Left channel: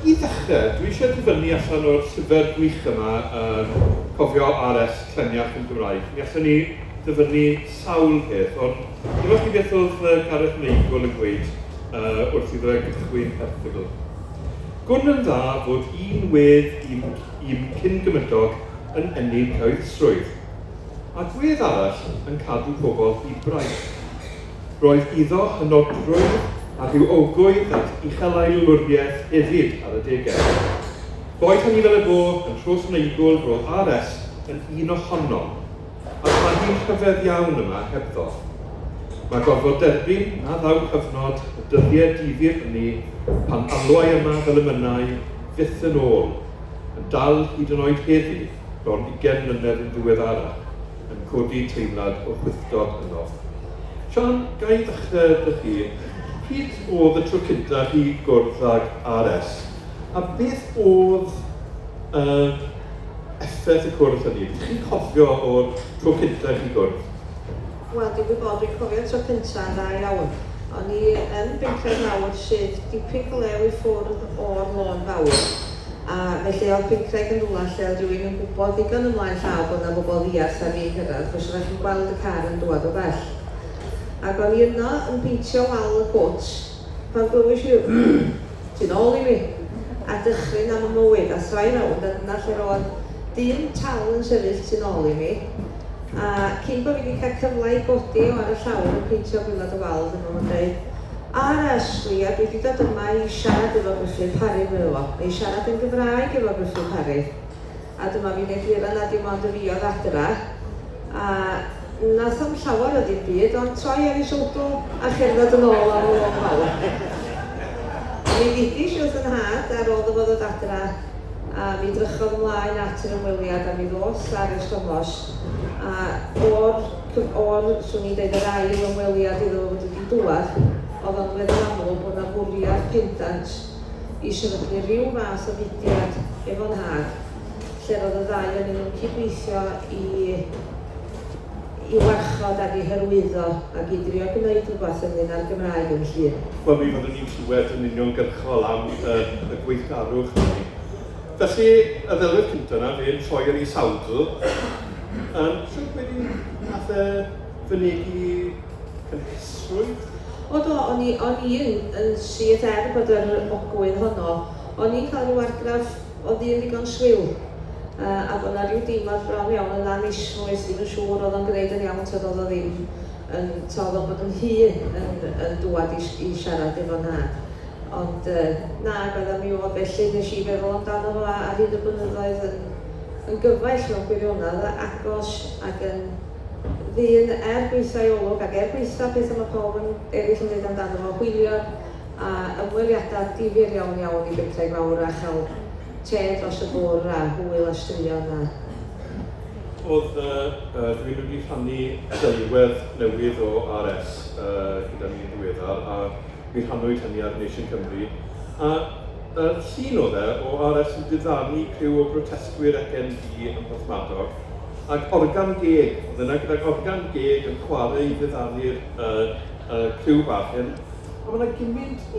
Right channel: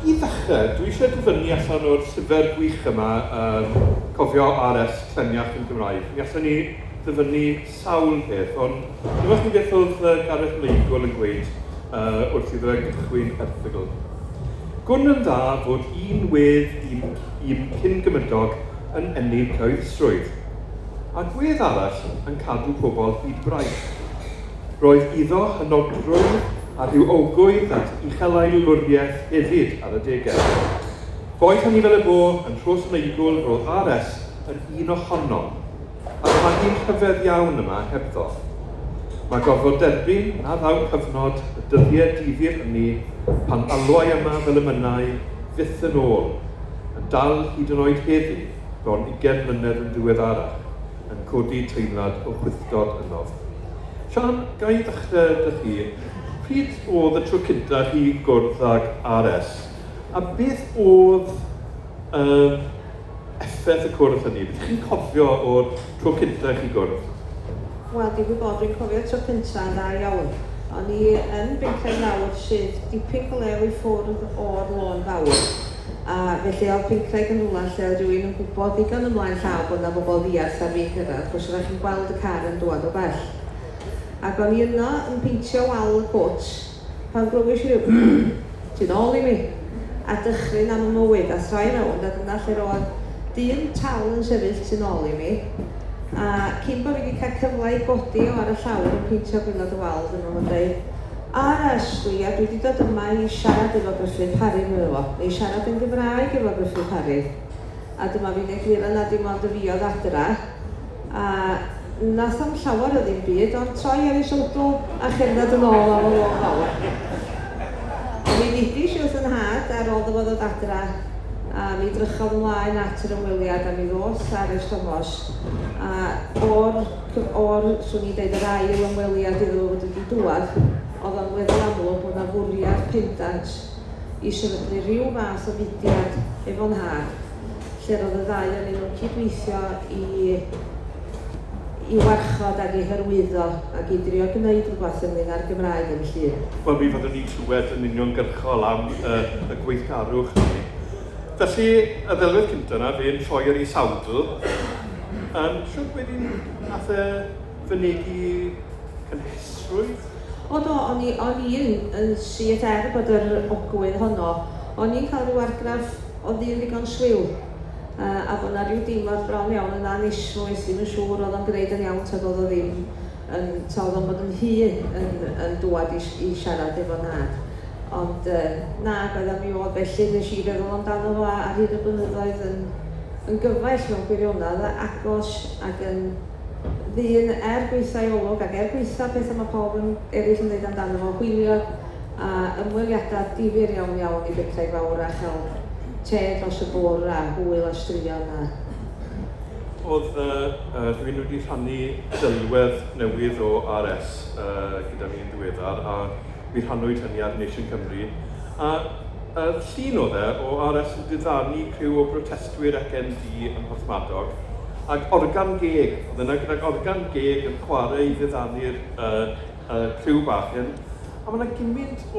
I ddechrau, dwi eisiau dyfynnu allan o'r llyfr gwych yma, cofio R.S. Cleniach yn Gymraeg. Mi allan ni ddyfynnu sawl peth, ond dwi'n chi beth oedd Gareth Meigl yn gweud wrth iddo gychwyn erthygl. Gwn yn dda fod un wedd un cyn-gymydog yn ennill cyhoeddusrwydd, a gwedd arall yn cadw pobl hyd braich. Roedd iddo hynodrwydd a rhyw ogwydd at uchelailwriaeth hefyd ar y degau. Boed hynny fel y bo yn Rhos Neigl roedd R.S. yn un ohono, a pagi'n rhyfedd iawn yma hebddo. Mae gorfod derbyn na ddaw cyfnod y dyddiau difyr hynny pan alwai yma fel y mynnau fyth yn ôl, yn dal hyd yn oed heddi bron 20 mlynedd yn ddiweddara, yn codi teimlad o chwythdod ynof. Sian, gai ddechrau dy chi, pryd oedd y tro cyntaf chi gwrdd ag R.S. a beth oedd effaith y cwrdd hynny? Chi'n cofio o'r tro cyntaf chi gwrdd? Wel, dwi'n cofio tro cyntaf dda iawn. O'n i yn Bynclay Gower sydd dipyn glew i ffwrdd o'r lôn Gower. A felly oedd Bynclay yn rhywle lle oedd rhywun yn gwybod ddigon ymlaen llaw bod yna bobl ddiarth ar fi'n gyrraedd, chos roeddech chi'n gweld y car yn dod o bell. Ac o'n i yno yn pintio wal y gwt, pan glywys i ti'n ôl i mi, a dychryn am y mywyd, a throi rownd, a dyna lle roedd dyn tal yn sefyll ti'n ôl i mi. A cyn bod fi wedi cael cyfle i godi o ar y llawr yn pintio gwylod y wal, dyna nhw'n dweud, R.S. dwi, a dwi wedi dod yma i siarad efo Gruffydd Parri mewn o, neu siarad yn Gymraeg efo Gruffydd Parri. A dyma fi'n egluro na dim ond y fi oedd adra. A nath o'n llawer o ddim byd, ond troi ar ei siwtl a cherdded yn ôl o'r lôn fawr. A mi ddigis wrth yn had ar ôl ddyfod o dadra, a mi drychodd ymlaen at yr ymweliad a mi ddos R.S.Thomas. A swn i'n dweud, yr ail ymweliad iddo wedi dŵad, oedd o'n feddwl amlwg bod yna fwriad pendant i sefydlu rhyw fath o fudiad efo'n had, lle roedd y ddau yn nhw'n cydweithio i warchod ac i hyrwyddo ac i drio gwneud rhywbeth ynglyn â'r Gymraeg yn llun. Wel, mi fyddwn ni'n clywed yn uniongyrchol am y gweithgarwch hynny. Felly, y ddelwedd cyntaf yna, fe'n troi ar ei sawdl. Siwr wedi nath fynegu cynhysrwydd? O do, o'n i yn sydd bod yr ogwydd honno. O'n i'n cael rhyw argraff o ddyn ddigon sliw. A bod yna rhyw deimlad bron iawn yn anisrwydd, ddim yn siŵr oedd yn gwneud yn iawn tad oedd o ddim oedd o'n bod yn hun yn dŵad i siarad efo'n had. Ond na, bydda mi oedd felly nes i feddwl amdano fo ar hyn y blynyddoedd yn gyfaill mewn gwirionedd a agos ac yn ddyn gweithio i olwg ac gweithio beth yma pawb yn eraill yn dweud amdano fo hwyliog a ymweliadau difyr iawn iawn i Bynclay Gower a chael te dros y bwr a hwyl o straeon a. Oedd rwy'n wedi rhannu dylwedd newydd o R.S. Gyda mi'n ddiweddar a mi rhannwyd hynny ar Nation Cymru. A llun oedd o R.S. yn diddannu criw o brotestwyr ac ND yn Porthmadog ac organ geg, oedd yna gydag organ geg yn chwarae i ddiddannu'r criw bach hyn. A mae yna gymaint o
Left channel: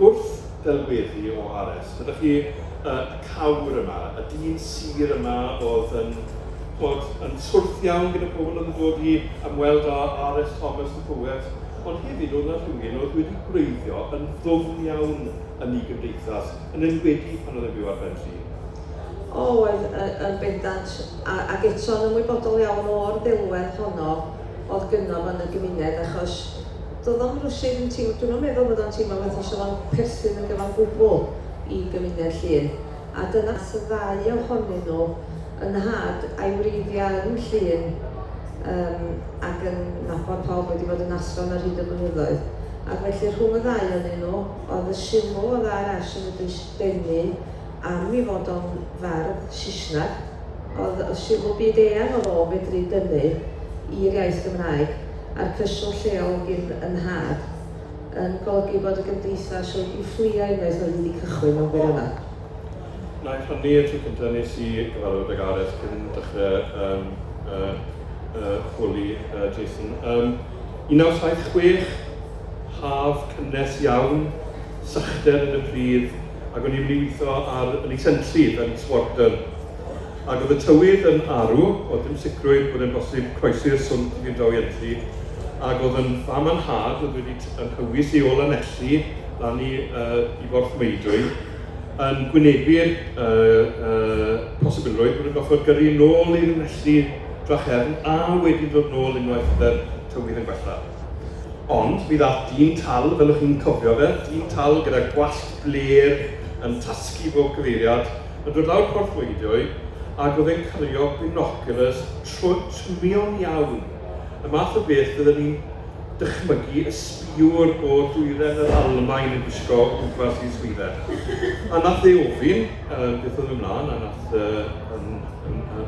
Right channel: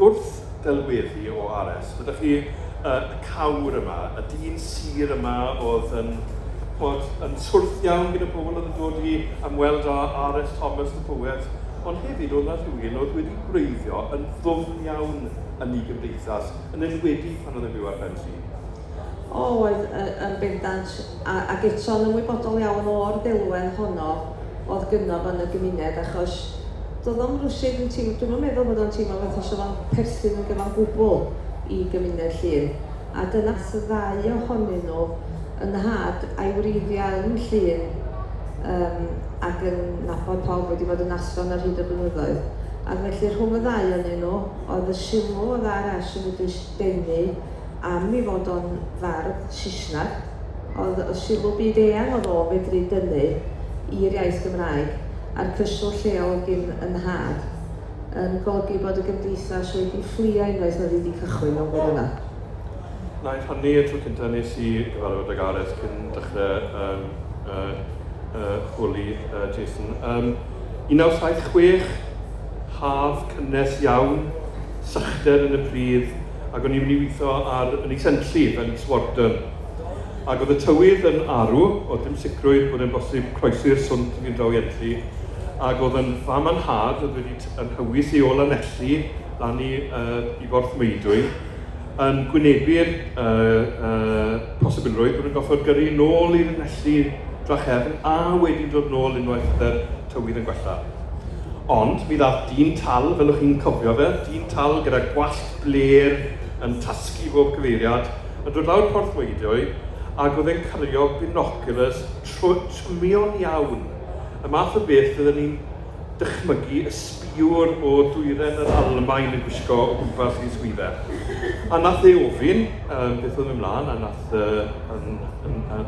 gwrth delweddu o R.S. Ydych chi y cawr yma, y dyn sir yma oedd yn swrth iawn gyda pobl yn dod i ymweld â R.S.Thomas y poet, ond hefyd oedd yna rhywun oedd wedi gwreiddio yn ddwfn iawn yn ei gymdeithas, yn enwedig pan oedd yn byw ar ben tri. Oedd yn bendant, ac eto'n ymwybodol iawn o'r delwedd honno oedd gynnof yn y gymuned, achos doedd o'n rwysig yn teimlo, dwi'n meddwl bod o'n teimlo beth os oedd o'n perthyn yn gyfan gwbl i gymuned llun. A dyna y ddau ohonyn nhw yn had a'i wreiddiau yn llun ac yn nabod pawb wedi bod yn athron ar hyd y blynyddoedd. Ac felly rhwng y ddau ohonyn nhw, oedd y sylw oedd R.S. yn wedi denu am ei fod o'n fardd Saesneg. Oedd y sylw byd eang oedd o fedru dynnu i'r iaith Gymraeg a'r cyswll lleol gyn yn had yn golygu bod y gymdeithas wedi fflio unwaith oedd wedi cychwyn mewn gwirionedd. Na i rhannu y tro cyntaf nes i gyfarfod ag R.S. cyn dechrau chwli Jason. 1976, haf cynnes iawn, sychder yn y prif, ac o'n i'n mynd i weithio yn ei sentrif yn Sgwrs. Ac oedd y tywydd yn arw, oedd dim sicrwydd bod yn bosib croesi'r swnt fi'n draw Ientli, ac oedd yn fam yn had, oedd wedi yn hywys i ôl anelli dan i Borth Meudwy, yn gwynebu'r posibilrwydd bod yn goffod gyrru nôl i'r anelli drachefn a wedyn dod nôl unwaith y tywydd yn gwella. Ond, mi ddath dyn tal, fel ych chi'n cofio fe, dyn tal gyda gwallt bler yn tasgu bob cyfeiriad, yn dod lawr Porth Meudwy, ac oedd e'n cario binoculars trymion iawn. Y math o beth fydden ni'n dychmygu y sbiwr o dwyren yr Almaen yn gwisgo o gwmpas i swyddau. A nath ei ofyn beth oedd ymlaen, a nath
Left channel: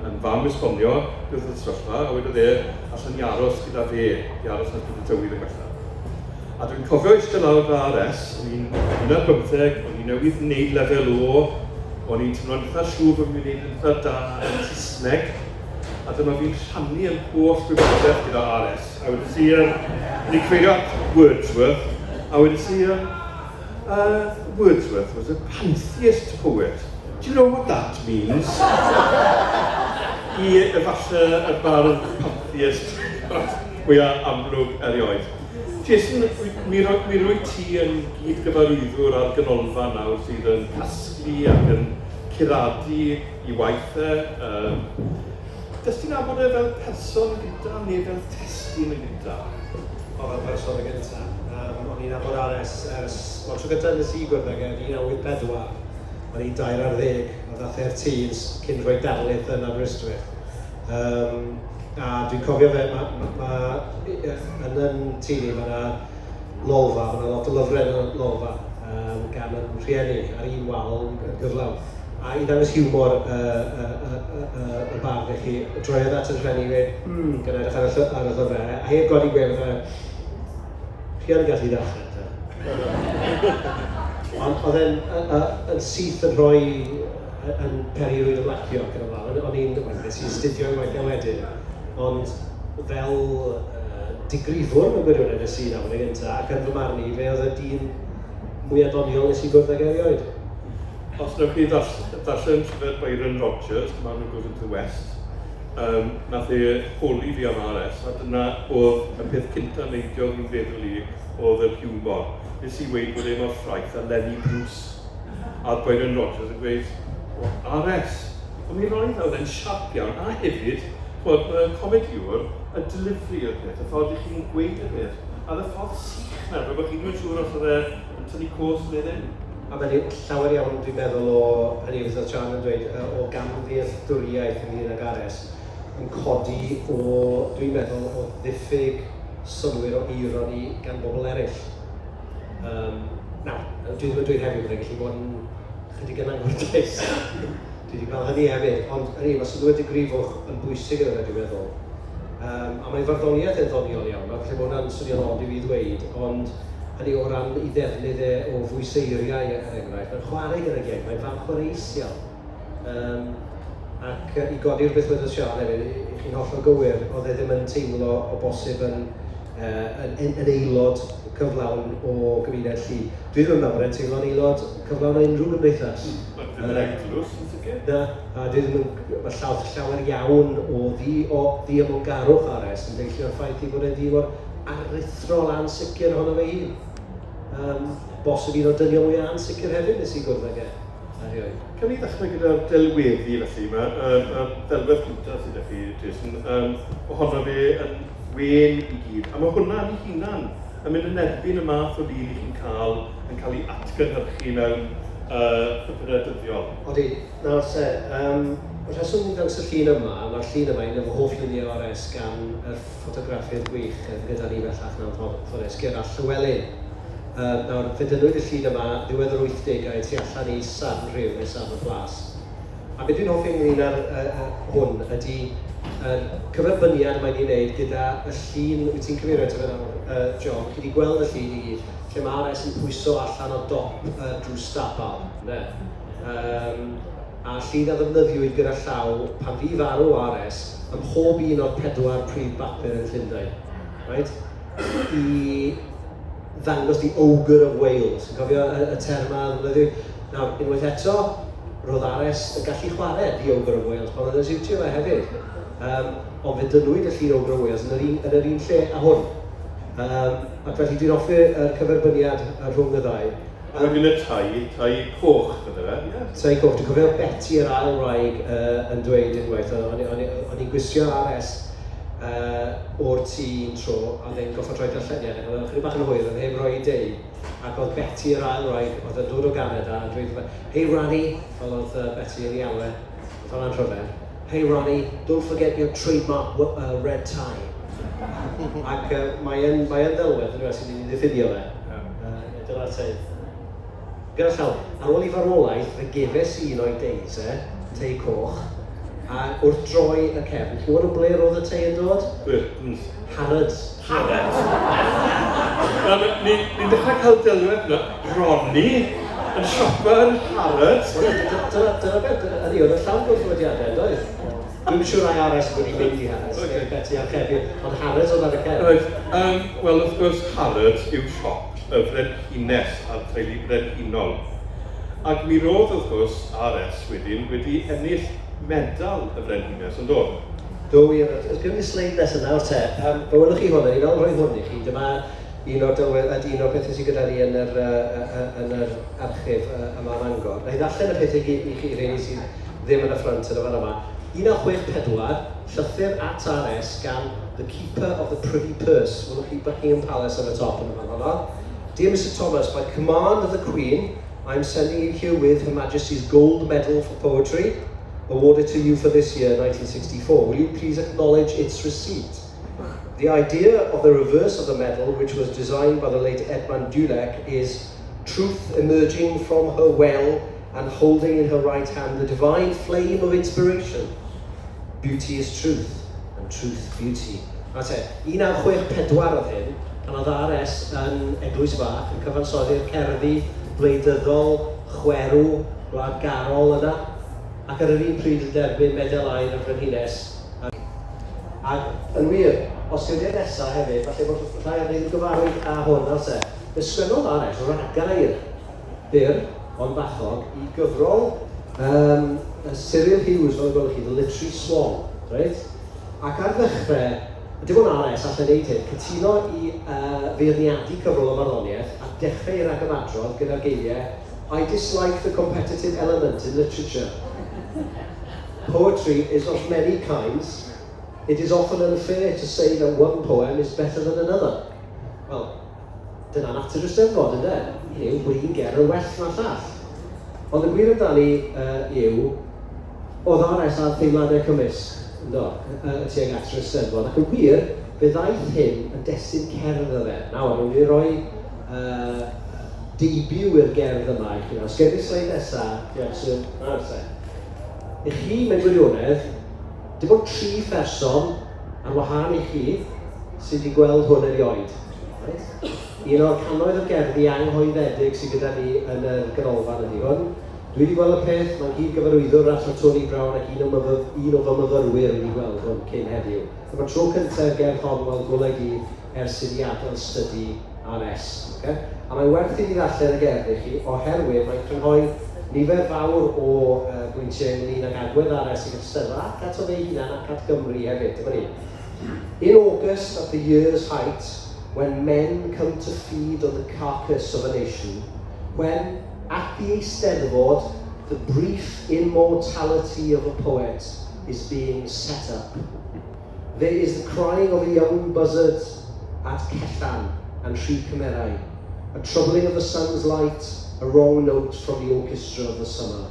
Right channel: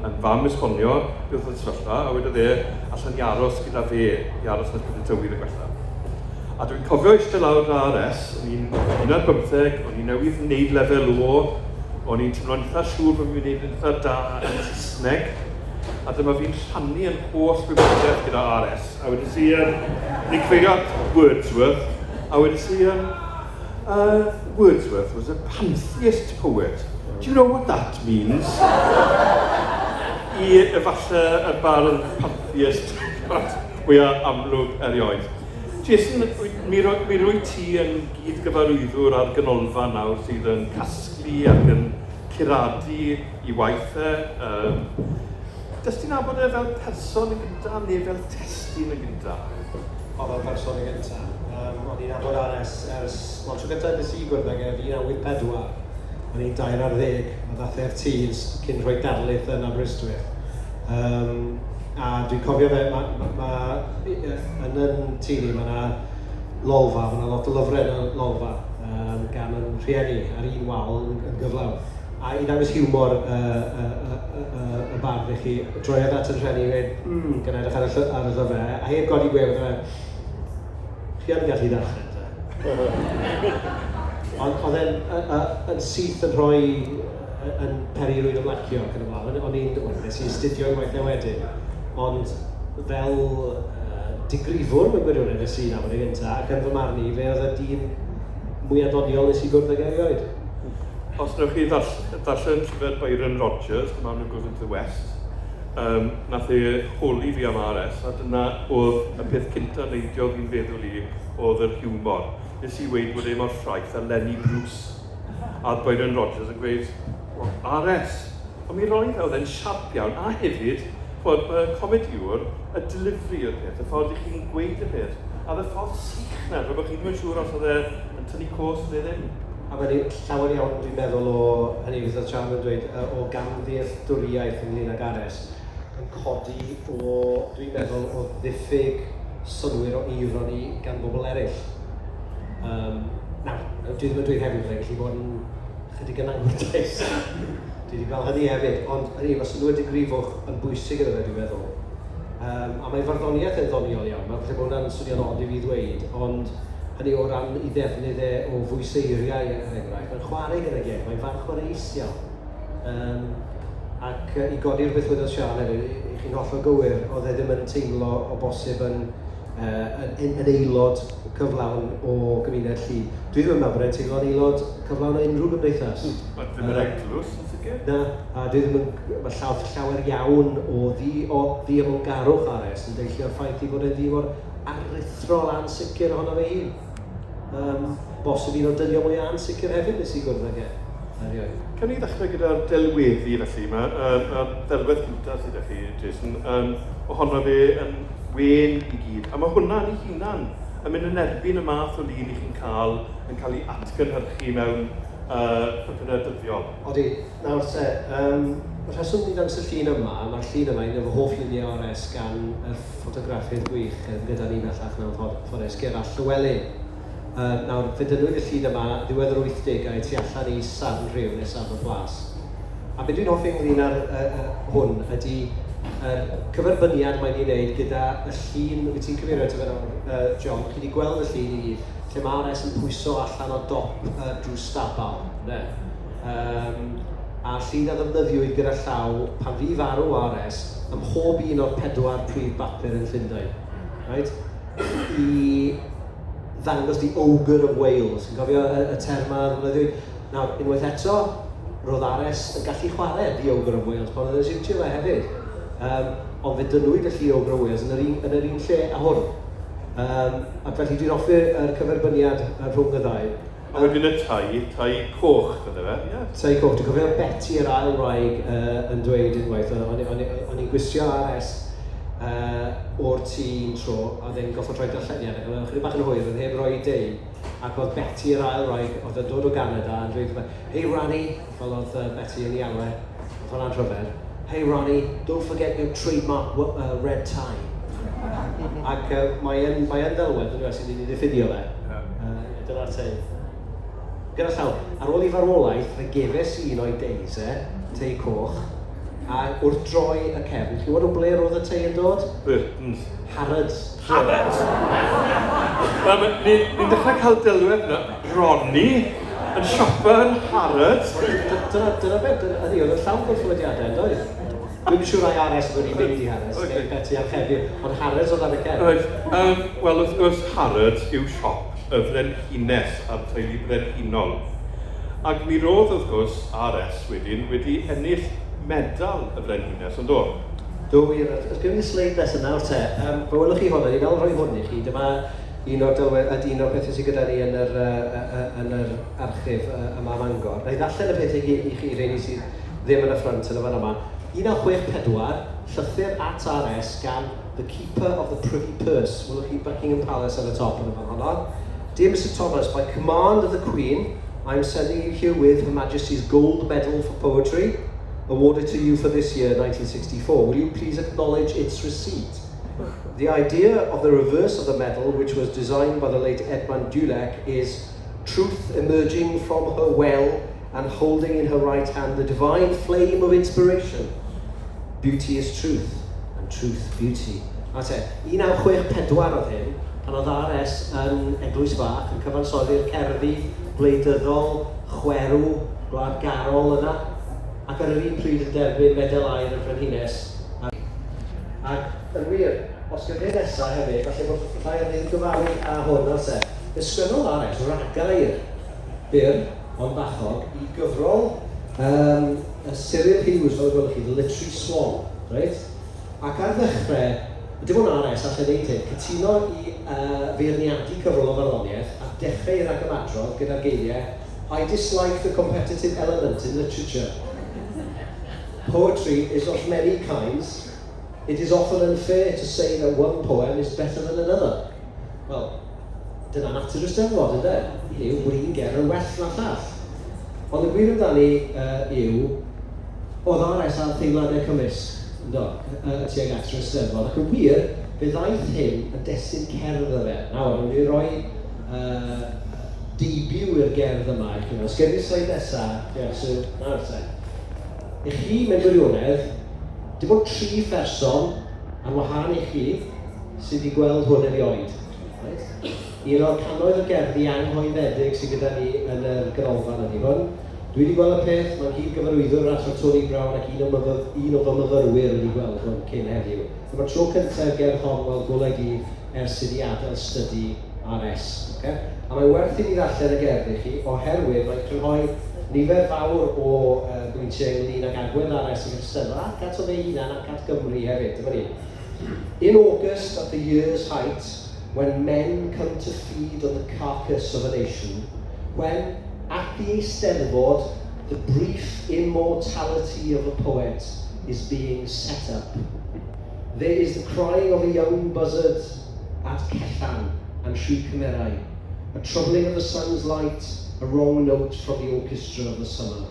yn fam esbonio beth oedd y sefyllfa, a wedodd allan i aros gyda fe, i aros nes bod y tywydd yn gwella. A dwi'n cofio eistedd lawr R.S., o'n i'n 15, o'n i'n newydd wneud lefel O, o'n i'n teimlo'n eitha siŵr bod fi'n gwneud yn eitha da yn Saesneg, a dyma fi'n rhannu yn holl wybodaeth gyda R.S. A wedyn si, ni'n creio Wordsworth, a wedyn si, Wordsworth was a pantheist poet. Do you know what that means? I efallai y bardd pantheist mwyaf amlwg erioed. Jason, mi rwy ti yn gyd gyfarwyddwr ar ganolfa nawr sydd yn casglu ac yn curadu i waithau. Dys ti'n nabod e fel person yn gyda neu fel testyn yn gyda? O, fel person yn gyda. O'n i'n nabod R.S. Tro gyda yn y Sgwrs ag 1994. O'n i'n 2 ar 10, oedd athau'r tîms cyn rhoi darlith yn Aberystwyth. A dwi'n cofio fe, yn yn tîni, mae yna lolfa, mae yna lot o lyfrau yn y lolfa gan yn rhieni ar un wal yn gyflawn. A i ddangos hiwmor y bardd i chi, droiodd at yn rhieni i weid, gan edrych ar y llyfrau, a heb godi gweud, chi yn gallu darllen ta. Ond oedd e'n syth yn rhoi yn Parri rwyd ymlacio ac yn y blaen. O'n i'n nes i'n studio i waith wedyn. Ond fel digrifwr mewn gwirionedd y Sian am yn gyntaf, ac yn fy marn i, fe oedd y dyn mwy adoniol nes i gwrdd ag erioed. Os newch chi ddarllen llyfr Byron Rogers, The Man Who Goes into the West, nath ei holi fi am R.S, a dyna oedd y peth cyntaf neidio fi'n feddwl i oedd yr hiwmor. Nes i weid bod e mor ffraith a Lenny Bruce. A Byron Rogers yn gweud, R.S, ond mi roedd oedd e'n siarp iawn, a hefyd, bod y comediwr yn delivery y peth, y ffordd i chi'n gweud y peth, a y ffordd sych na, fe bod chi'n mynd siŵr os oedd e'n tynnu cwrs fydd hyn. A mae'n llawer iawn, dwi'n meddwl o, hynny fydd y Sian yn dweud, o gamddealltwriaeth ynglyn ag R.S. yn codi o, dwi'n meddwl, o ddiffyg synwyr o ironi gan bobl eraill. Nawr, dwi ddim yn dweud hefyd bod e'n gallu bod yn chydig yn anghyfreus. Dwi wedi gweld hynny hefyd, ond mae synwyr digrifwch yn bwysig yn yna, dwi'n meddwl. A mae farddoniaeth yn ddoniol iawn, mae'n felly bod hwnna'n swnio'n od i fi ddweud, ond hynny o ran i ddefnydd o fwyseiriau enghraifft. Mae'n chwarae gyda geg, mae'n fan chwaraeus iawn. Ac i godi'r beth wedi Sian hefyd, i chi'n hollol gywir, oedd e ddim yn teimlo o bosib yn aelod cyflawn o gymuned Llu. Dwi ddim yn meddwl bod e'n teimlo'n aelod cyflawn o unrhyw gymdeithas. Mae'n eglwys yn sicr? Na, a dwi ddim yn... Mae llawer iawn o ddiemolgarwch R.S. yn deillio o'r ffaith i bod e ddim o'r aruthrol ansicr ohono fe hun. Bosib un o'r dynion mwy ansicr hefyd nes i gwrdd ag e. Can i ddechrau gyda'r delweddi felly yma, y delwedd cyntaf sydd â chi, Jason, ohono fe yn wen i gyd. A mae hwnna'n ei hunan yn mynd yn erbyn y math o lun i chi'n cael yn cael ei atgynhyrchu mewn ffyrpynau dyddiol. Odi, nawr te, y rheswm ni'n dangos y llun yma, mae'r llun yma yn efo hoff luniau R.S. gan y ffotograffiad gwych, gyda ni bellach mewn ffordd Gerall Llywelyn. Nawr, fe dynwyd y llun yma ddiwedd yr 80au tu allan i San Rhyw nes am y Plas. A beth dwi'n hoffi ynglyn ar hwn ydy cyferbyniad mae'n ei wneud gyda y llun, wyt ti'n cyfeirio to fe nawr, John, chi wedi gweld y llun i gyd, lle mae R.S. yn pwyso allan o dop drws stabal. A llun a ddefnyddiwyd gyda llaw pan fi farw R.S. ym mhob un o'r 4 prif bapur yn Llundain. Right? I ddangos the ogre of Wales. Yn cofio y term yma, nawr, unwaith eto, roedd R.S. yn gallu chwarae the ogre of Wales, pan oedd yn siwtio fe hefyd. Ond fe dynwyd y lli ogre of Wales yn yr un lle a hwn. Ac felly dwi'n offi yr cyferbyniad rhwng y ddau. A wedyn y tai coch, ydw fe? Tai coch, dwi'n cofio Betty yr ail wraig yn dweud unwaith, o'n i'n gwisio R.S. O'r tî'n tro, a ddim goffa troi darlleniad, ac oedd chydig bach yn hwyr, yn heb roi deu, ac oedd Betty yr ail wraig, oedd yn dod o Canada, yn dweud, hey Ronnie, fel oedd Betty yn ei alwe, oedd hwnna'n rhyfedd, hey Ronnie, don't forget your trademark red tie. Ac mae'n ddelwedd, yn gwrs, sydd wedi ddiffudio fe, dyna'r teud. Gyda llaw, ar ôl i farwolaeth, fe gefes un o'i deis, tei coch, a wrth droi y cefn, chi wad o ble roedd y tei yn dod? Burtons. Harrods. Harrods! Ni'n dechrau cael delwedd yna, Ronnie yn siopa yn Harrods. Dyna beth, ydy, oedd y llawn gwrthwydiadau, yn doedd? Dwi'n siŵr ai R.S. wedi mynd i Harrods, Betty a'r Chefi, ond Harrods oedd ar y cefn. Wel, wrth gwrs, Harrods yw siop y frenhines a'r teulu frenhinol. Ac mi roedd, wrth gwrs, R.S. wedi ennill medal y frenhines, yn dod? Do wir, ysgrifennu ni sleid nes yna o'r te. Fe welwch chi hwnna, ni'n fel rhoi hwn i chi. Dyma un o'r pethau sydd gyda ni yn yr archif yma yn Angor. Na i ddarllen y pethau i chi rhaid sydd ddim yn y ffrant yn y fan yma. 1964, llythyr at R.S. gan the Keeper of the Privy Purse. Welwch chi Buckingham Palace ar y top yn y fan hwnna. Dear Mr. Thomas, by command of the Queen, I am sending you herewith Her Majesty's Gold Medal for Poetry, awarded to you for this year, 1964. Will you please acknowledge its receipt? The idea of the reverse of the medal, which was designed by the late Edmund Dulac, is truth emerging from her well and holding in her right hand the divine flame of inspiration. Beauty is truth, and truth beauty. That's it. 1964 oedd hyn, pan oedd R.S. yn Eglwys Fach yn cyfansoddi'r cerddi gwleidyddol, chwerw, gwladgarol yna, ac ar yr un pryd yn derbyn medal air y Frenhines. Ac yn wir, osgrifiad nesaf hefyd, falle bod rhai yn ei gyfarwydd a hwn o'r se. Fe sgwennodd R.S. ragair byr, ond bachog, i gyfrol Cyril Hughes, fel gwelwch chi, The Literary Swan. Right? Ac ar ddechrau, dim ond R.S. allan neud hyn, cytuno i feirniadu cyfrol o farddoniaeth a dechrau i'r agymadrodd gyda'r geiriau I dislike the competitive element in literature. Poetry is of many kinds. It is often unfair to say that one poem is better than another. Wel, dyna natur Eisteddfod, ynde? Yw, wrin ger yn well na llall. Ond y gwir amdani yw, oedd R.S. ar theimladau cymysg, ynddo, y tuag at yr Eisteddfod, ac yn wir, fe ddaeth hyn yn destun cerdd ar e. Nawr, rwy'n i roi debut i'r gerdd yma i chi. Sgwennu sleid nesaf, nawr te. I chi, mewn gwirionedd, dim ond 3 person ar wahân i chi sydd wedi gweld hwn erioed. Right? Un o'r cannoedd o gerddi anghoeddedig sydd gyda ni yn y ganolfan ydi hwn. Dwi wedi gweld y peth, mae'n hyd gyfarwyddwr at Tony Brown ac un o fy myfyrwyr wedi gweld hwn cyn heddiw. Mae'r tro cyntaf gerdd hon fel golygu ers iddi adael stydi R.S. Okay? A mae'n werth i ni ddarllen y gerdd i chi, oherwydd mae'n crynhoi nifer fawr o bwyntiau ynglyn ag agwedd R.S. i Eisteddfod ac at o fe hunan ac at Gymru hefyd. Dyma ni. In August at the year's height, when men come to feed on the carcass of a nation, when at the Eisteddfod the brief immortality of a poet is being set up, there is the crying of a young buzzard at Cethan and Tri Cymerau, a troubling of the sun's light, a wrong note from the orchestra of the summer.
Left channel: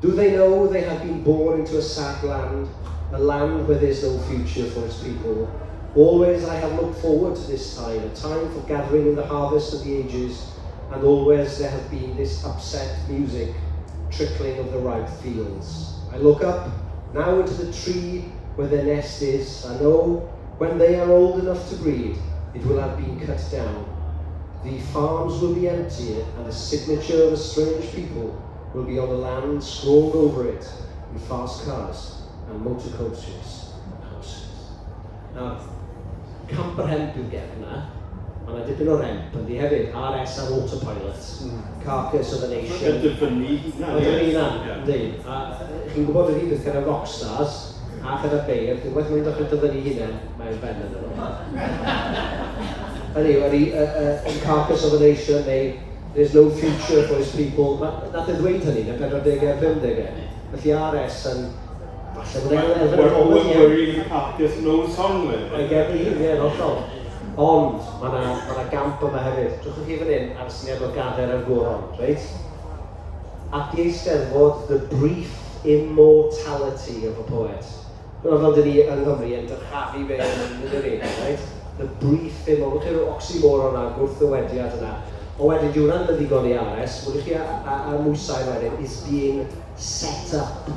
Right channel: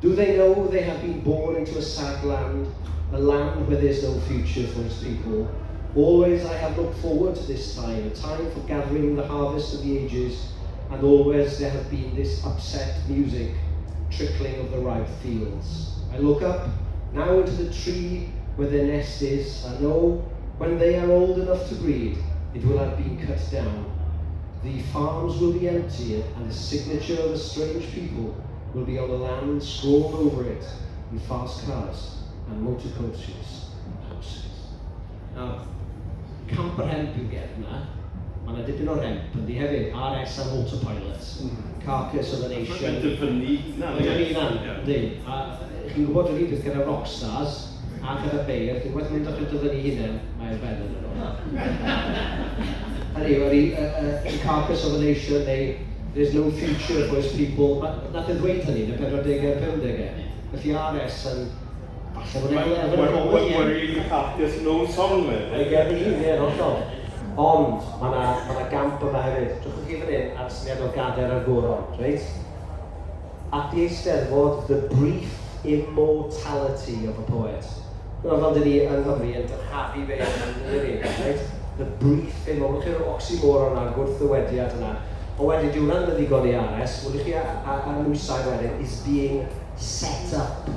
Do they know they have been born into a sad land, a land where there's no future for its people? Always I have looked forward to this time, a time for gathering in the harvest of the ages, and always there has been this upset music, trickling of the ripe fields. I look up, now into the tree where their nest is, and know when they are old enough to breed, it will have been cut down. The farms will be empty, and the signature of a strange people will be on the land scrawled over it in fast cars and motor coaches and houses. Now, Camperhemp yw'r gerdd yna. Mae yna dipyn o remp, yndi hefyd, RS ar autopilot, Carcass of a Nation. Mae'n dyfynu hynna. Mae'n dyfynu hynna, yndi. A chi'n gwybod ydi beth gyda rockstars, a gyda beir, dwi'n gwybod mae'n dechrau dyfynu hynna, mae'n ben yn nhw. Hynny, yn Carcass of a Nation, neu There's no future for his people. Nath e ddweud hynny, yn 40 ar 50. Felly RS yn... Falle bod e'n elfen o comedy. We're really Carcass, no song with. Mae'n gert i, ie, hollol. Ond, mae gamp yma hefyd. Trwch chi fan hyn ar syniad o gader ar goron, reit? At the Eisteddfod, the brief immortality of a poet. Fel dyn ni yng Nghymru yn dyrchafu fe yn ynddi, right? The brief immortality, chi'n oxymoron a gwrthywediad yna. O wedyn, diw'n rhan yn ddigon i RS, mwyn chi a mwysau wedyn, is being set up.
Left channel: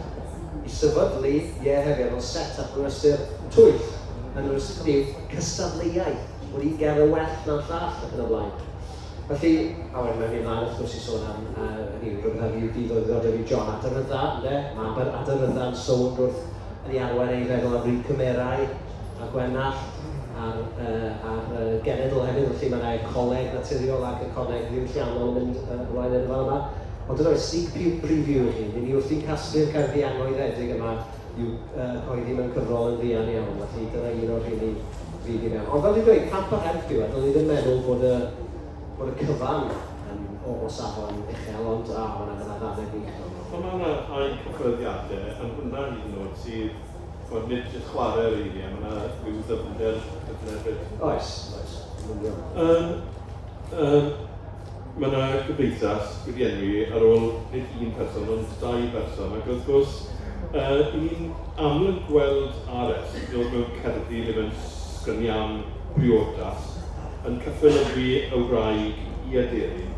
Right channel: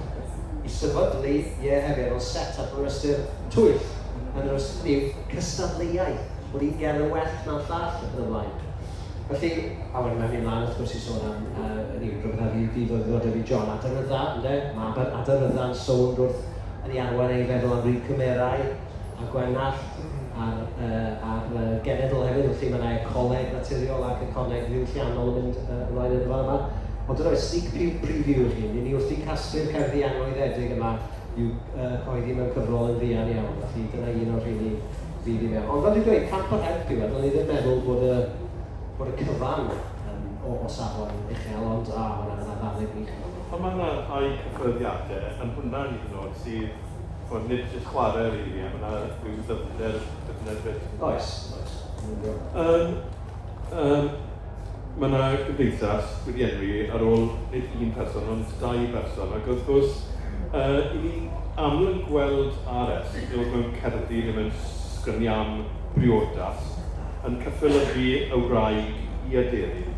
I sefydlu, hefyd, ond set up yn ystyr twyll. Yn ystod ni, cystadleuaeth. Bod i'n ger y well na'n llall ac yn y blaen. Felly, a wedyn mae'n ymlaen wrth gwrs i sôn am, rwy'n rhaid i ddod fi John Aderydda, ynddo? Mae Aderydda'n sôn wrth yn ei arwain ei feddwl am ryw cymerau a Gwenallt a'r genedl hefyd, felly mae'n ecoleg naturiol ac ecoleg rhyw lliannol yn mynd ymlaen yn fan yma. Ond dyna sneak preview i chi, ni wrth i'n casglu'r cerddi anghoeddedig yma yw coeddi mewn cyfrol yn ddian iawn, felly dyna un o'r rhywun i fydd i mewn. Ond fel dwi'n dweud, camp o'r help diwedd, dylai ddim meddwl bod y cyfan o safon uchel, ond mae'n ddannedd gwych. Ond mae'n rhai cyffreddiadau yn hwnna'n hyn o'r sydd bod nid jyst chwarae'r eiriau, mae'n rhyw ddyfnder beth. Oes. Mae yna gyfeithas wedi enwi ar ôl nid un person, ond 2 person. Ac wrth gwrs, ni'n aml yn gweld RS yn dod mewn cerddi ddim yn sgryniam briodas yn cyffelygu y wraig i aderyn.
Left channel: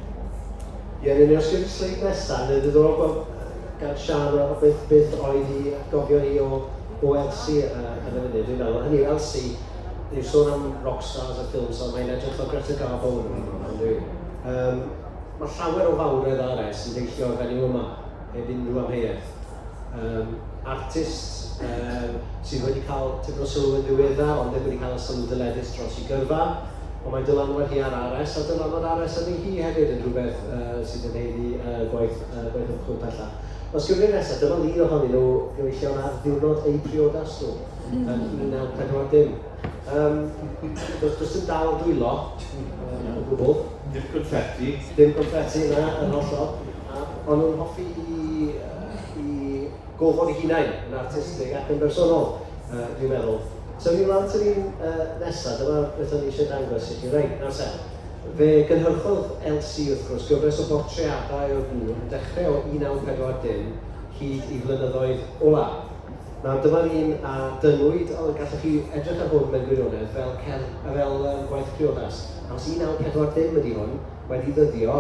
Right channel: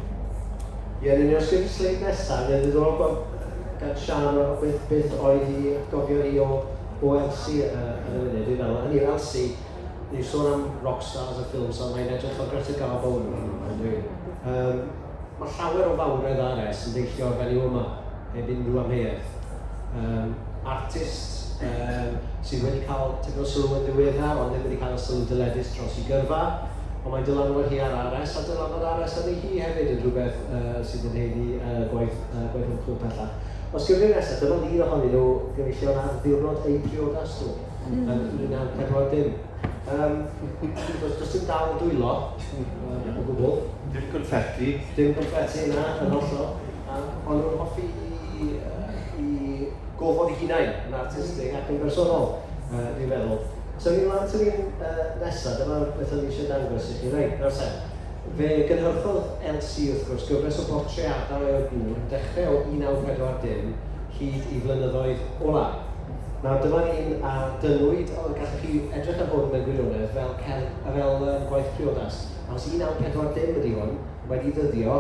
Ie, ni'n ysgrifennu sleid nesaf, neu ddiddorol gan Sian o beth oedd i gofio hi o Elsie yn y funud, dwi'n meddwl. Hynny yw Elsie, ni'n sôn am rockstars a ffilms, ond mae'n edrych o Greta Garbo yn dwi'n. Mae llawer o fawredd RS yn deillio o'r fenyw yma, heb unrhyw amheuaeth. Artist sydd wedi cael tipyn o sylw yn ddiweddar, ond ddim wedi cael y sylw dyledus dros i gyrfa, ond mae'n dylanwad hi ar RS, a dylanwad RS yn ei hi hefyd yn rhywbeth sydd yn heiddi gwaith ymchwil pellach. Os gyfnod nesaf, dyma un ohonyn nhw gyfeillio ar ddiwrnod eu priodas nhw yn 1940. Does dim dal dwylo, o gwbl. Dim confetti. Dim confetti yna, yn hollol. Ond nhw'n hoffi i gofod eu hunain yn artistig ac yn bersonol, dwi'n meddwl. So ni'n rhan sy'n nesaf, dyma beth o'n i eisiau dangos i chi. Reit, nawr sen. Fe gynhyrchodd Elsie wrth gwrs gyfres o bortreadau o'r gŵr yn dechrau o 1940 hyd i flynyddoedd ola. Nawr dyma ni'n dynwyd, gallwch chi edrych ar hwn mewn gwirionedd fel gwaith priodas. Nawr 1940 ydy hwn wedi ddyddio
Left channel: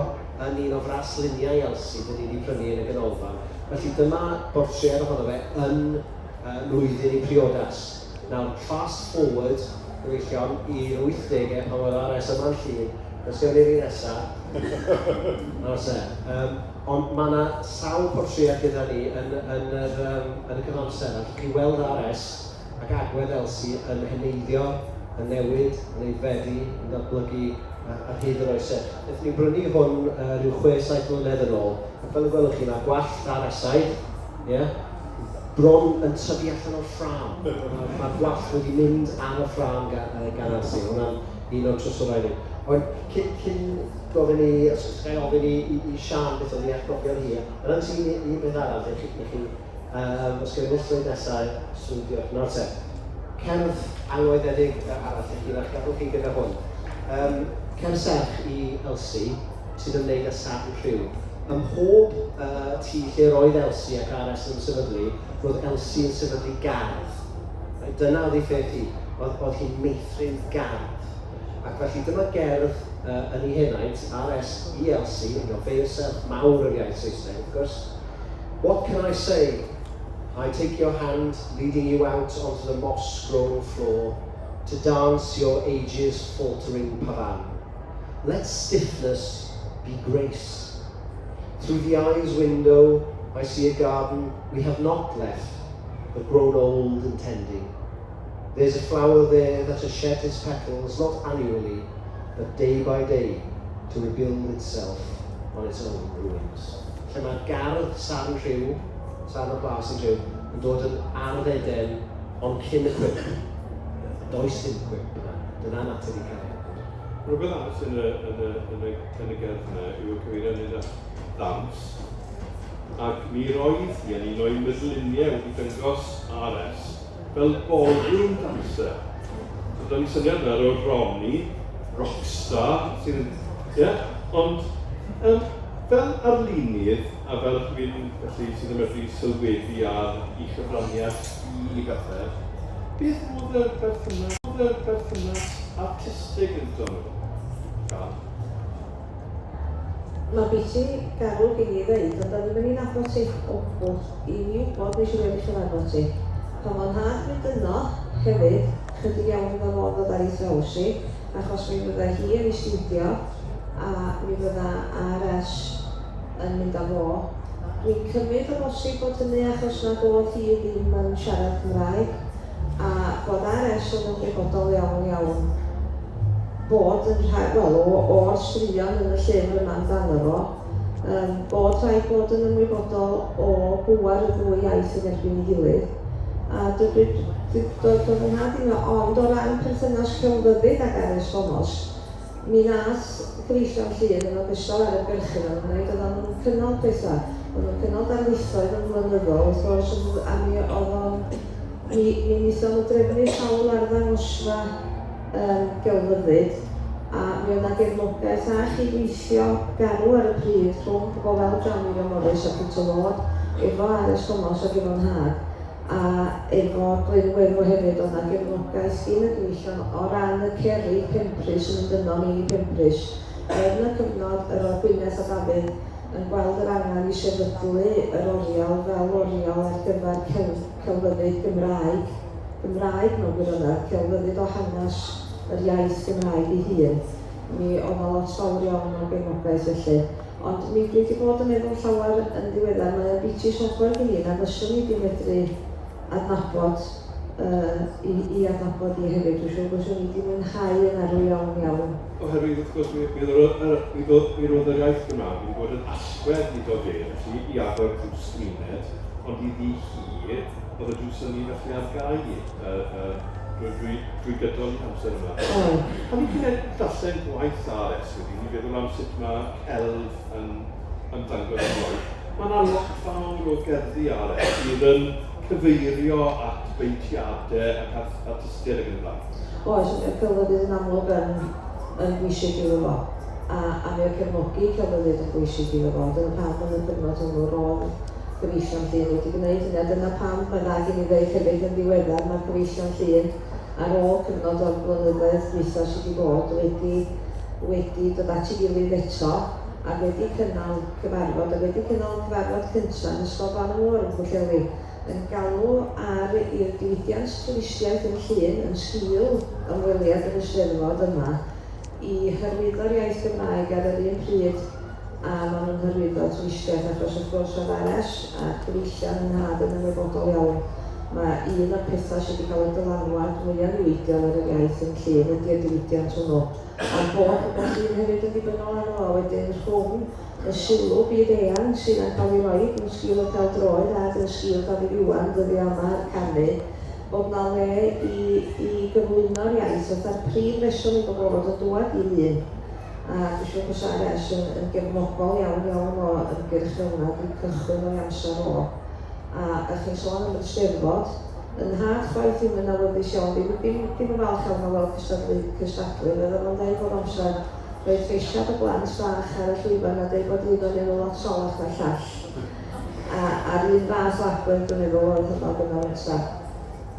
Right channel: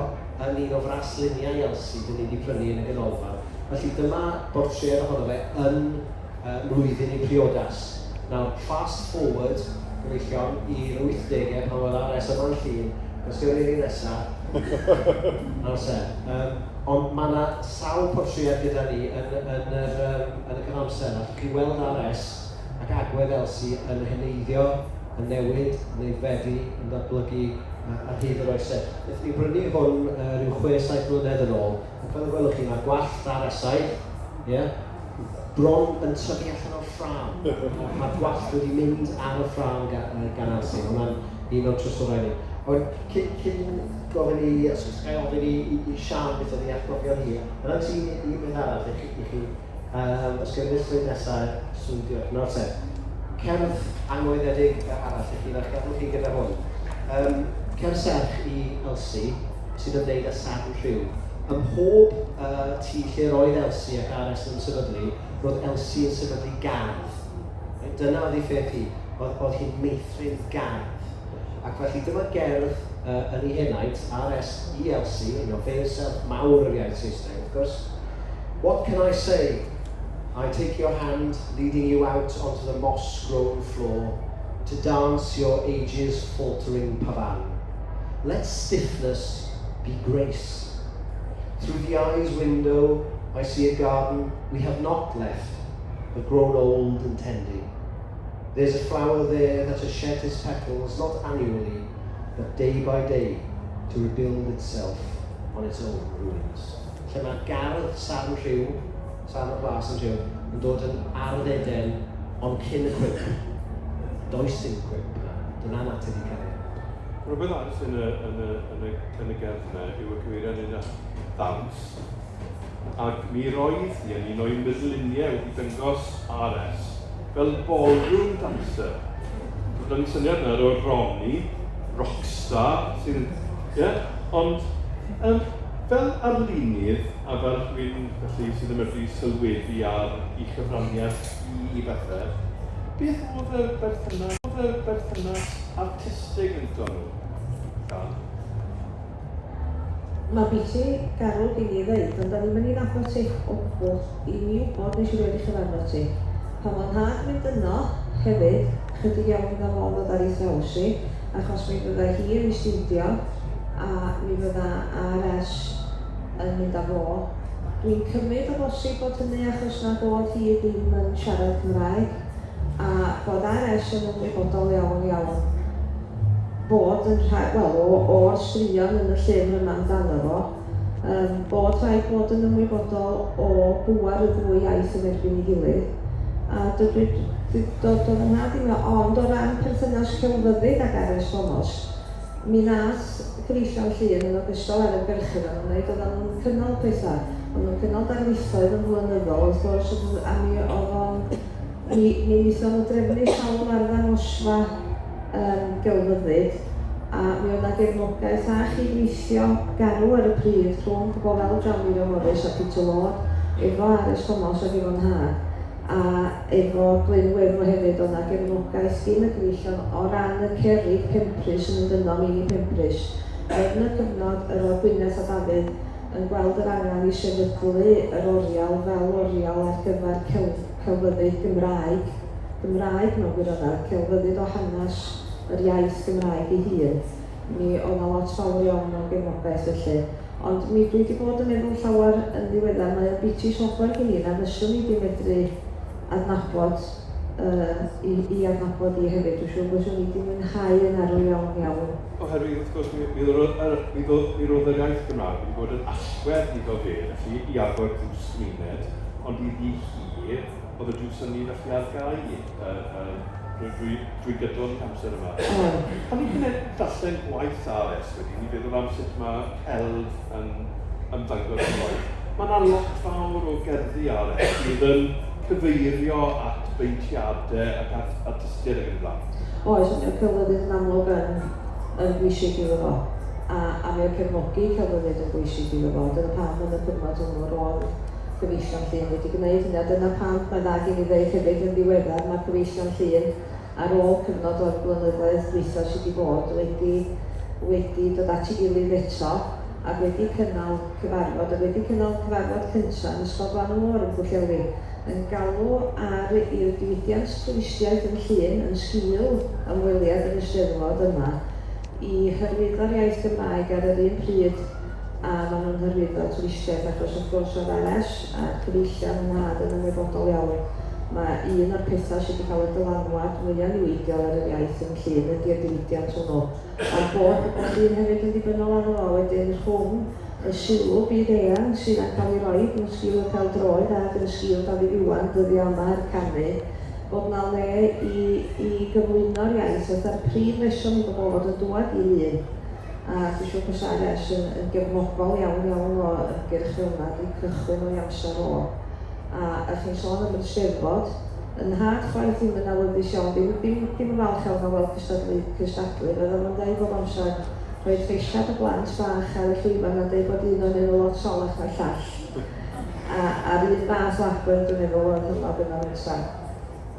yn un o frasluniau Elsie dyn ni wedi prynu yn y ganolfan. Felly dyma bortread ohono fe yn mlwyddyn i priodas. Nawr fast forward gyfeillion i'r 80au pan oedd RS yma'n llun. Os gynnu ni nesaf. Ond mae yna sawl portread gyda ni yn y cyfamser. Allwch chi weld RS ac agwedd Elsie yn heneiddio, yn newid, yn aeddfedu, yn datblygu ar hyd yr oesau. Wnaethon ni brynu hwn rhyw 6-7 mlynedd yn ôl, ac fel y gwelwch chi, mae gwallt RS-au, bron yn tyfu allan o'r ffram. Mae'r gwallt wedi mynd ar y ffram gan Elsie. Hwna'n un o'r trwswrau ni. Ond cyn gofyn i Sian beth o'n i'n atgofio hi, yna'n sy'n un beth arall i chi, os gyda ddysglyd nesaf, swdio. Nawr te, cerdd anghoeddedig arall i chi, nach gafwch chi gyda hwn. Cerdd serch i Elsie sydd yn gwneud â sarn rhyw. Ym mhob tŷ lle roedd Elsie ac RS yn sefydlu, roedd Elsie yn sefydlu gardd. Dyna oedd ei ffeth hi, oedd hi'n meithrin gardd. Ac felly dyma gerdd yn ei henaint, RS i Elsie, yn o fe serth mawr yr iaith Saesneg, wrth gwrs. What can I say? I take your hand, leading you out onto the moss-grown floor, to dance your age's faltering pavan. Let stiffness be grace. Through the eye's window, I see a garden we have not left, but grown old and tending. There's a flower there that has shed its petals, not annually, but day by day to rebuild itself on its own ruins. Lle mae gardd San Rhyw, San y Blas yn Rhyw, yn dod yn arddeden ond cyn y cwip. Does dim cwip yna, dyna natur i cariad. Rhywbeth arall yn y gerdd yna yw y cyfeiriad yn y ddawns. Ac mi roedd hi yn un o'i meddluniau wedi dangos R.S. fel ballroom dancer. So, da ni syniad yna o'r Ronnie, rockstar, sydd yn... Ond fel arlunydd, a fel rhywun sydd yn medru sylwedu ar ei chyfraniad i bethau, beth oedd y berthynas artistig yn dod nhw? Mae beth i garw gen i ddeud, ond da ddim yn un nabod ti o gwbl i mi wybod nes i wedi chyfraniad ti. Pan mae'n had mynd yno hefyd, chydig iawn yn ymwneud o ddau ddrawsi, achos mi fydda hi yn ei studio a mi fydda R.S. yn mynd â fo. Dwi'n cymryd o bosib bod hynny achos na bod hi ddim yn siarad Cymraeg a bod R.S. yn ymwybodol iawn bod yn rhaid, o'r straeon yn y llyfr yma amdano fo, bod rhaid bod yn ymwybodol o bwar y ddwy iaith yn erbyn ei gilydd. A doedd yn had i ond o ran perthynas celfyddyd ag R.S.Thomas, mi nath gyfeillion Llŷn yn ogystal ar y gyrchyn o'n gwneud, oedd o'n cynnal pethau. Oedd o'n cynnal darlithoedd yn flynyddol, wrth gwrs, a mi oedd o'n... Mi wnaethon nhw drefnu sawl ar ddangosfa gelfyddyd, a mi oedd yna gefnogaeth a chydweithio garw ar y pryd rhwng pobl fel Johnny Morris a Peter Lord, efo R.S.Thomas ac efo'n had. A efo Glyn Wefo hefyd oedd yna gefnogaeth gyn y gyfeillion o ran y cerrig Pemprys yn mynd yno, mini Pemprys. Yn y cyfnod yr o'r Gwynedd a Dafydd yn gweld yr angen i sefydlu yr orial fel orial ar gyfer celfyddyd Gymraeg mewn gwirionedd, celfyddyd o hanes yr iaith Gymraeg ei hun. Mi oedd yna lot fawr iawn o'r gefnogaeth felly. Ond mi dwi wedi bod yn meddwl llawer yn ddiweddar, mae'n biti software gen i, na fyswn i wedi medru adnabod i adnabod i hefyd. Dwi'n siŵr bod wedi mwynhau yn arw iawn. Oherwydd, wrth gwrs, mi roedd yr iaith Gymraeg wedi bod yn allwedd i do fe, felly i agor drws gwyned, ond i ddi hi, oedd y drws yn un allu ar gau drwy gydol i amser yma. A mi'n gwneud darllen gwaith R.S. wedi, mi feddwl am sut mae celf yn ymddangos yn gwaith. Mae yna lot fawr o gerddi R.S. sydd yn cyfeirio at beintiadau ac artistiaid ac yn fath. Oes, y celfyddyd yn amlwg yn bwysig iddo fo. A mi o cefnogi celfyddyd yn bwysig iddo fo. Dyna pam yn y cyfnod hwnnw rôl gyfeillion Llŷn wedi gwneud hynny. Dyna pam bynnag i mi ddweud hefyd yn ddiweddar mae gyfeillion Llŷn ar ôl cyfnod o'r blynyddoedd dwytha sydd wedi bod wedi dod at ei gilydd eto a wedi cynnal cyfarfod cyntaf yn ysgol Gwanwr yn Pwllheli yn galw ar i'r diwydiant twristiaeth yn Llŷn yn sgil ymweliad yn Eisteddfod yma i hyrwyddo'r iaith Gymraeg ar yr un pryd a maen nhw'n hyrwyddo twristiaeth achos wrth gwrs o'r R.S. a cyfeillion yn had yn ymwybodol iawn. Mae un o'r pethau sydd wedi cael ei dylanwad mwyaf niweidiol ar yr iaith yn Llŷn ydy'r diwydiant hwnnw. A bod Llŷn hefyd yn ddibynnol ar ôl wedyn rhwng y sylw byd eang sydd yn cael ei roi yn sgil y pêl-droed a yn sgil Davies Iwan dyddi yma ar canu, bod yna le i gyflwyno'r iaith oedd ar prif reswm i bod yn dŵad i Llŷn. A dwi'n siŵr bod R.S. yn gefnogol iawn o ymgyrch hwnna wedi cychwyn o'i amser o. A chi'n sôn am Eisteddfod, yn had chwaith ddim yn awyddus iawn, ddim yn falch iawn fel cystadlu, meddwl yn dweud bod amser roedd lleisiad o blant fach ar y llwyfan a dweud bod un o'n enw lot solach na'r llall. A'r un fath agor yn efo oedd yn gofyn o'r nesaf.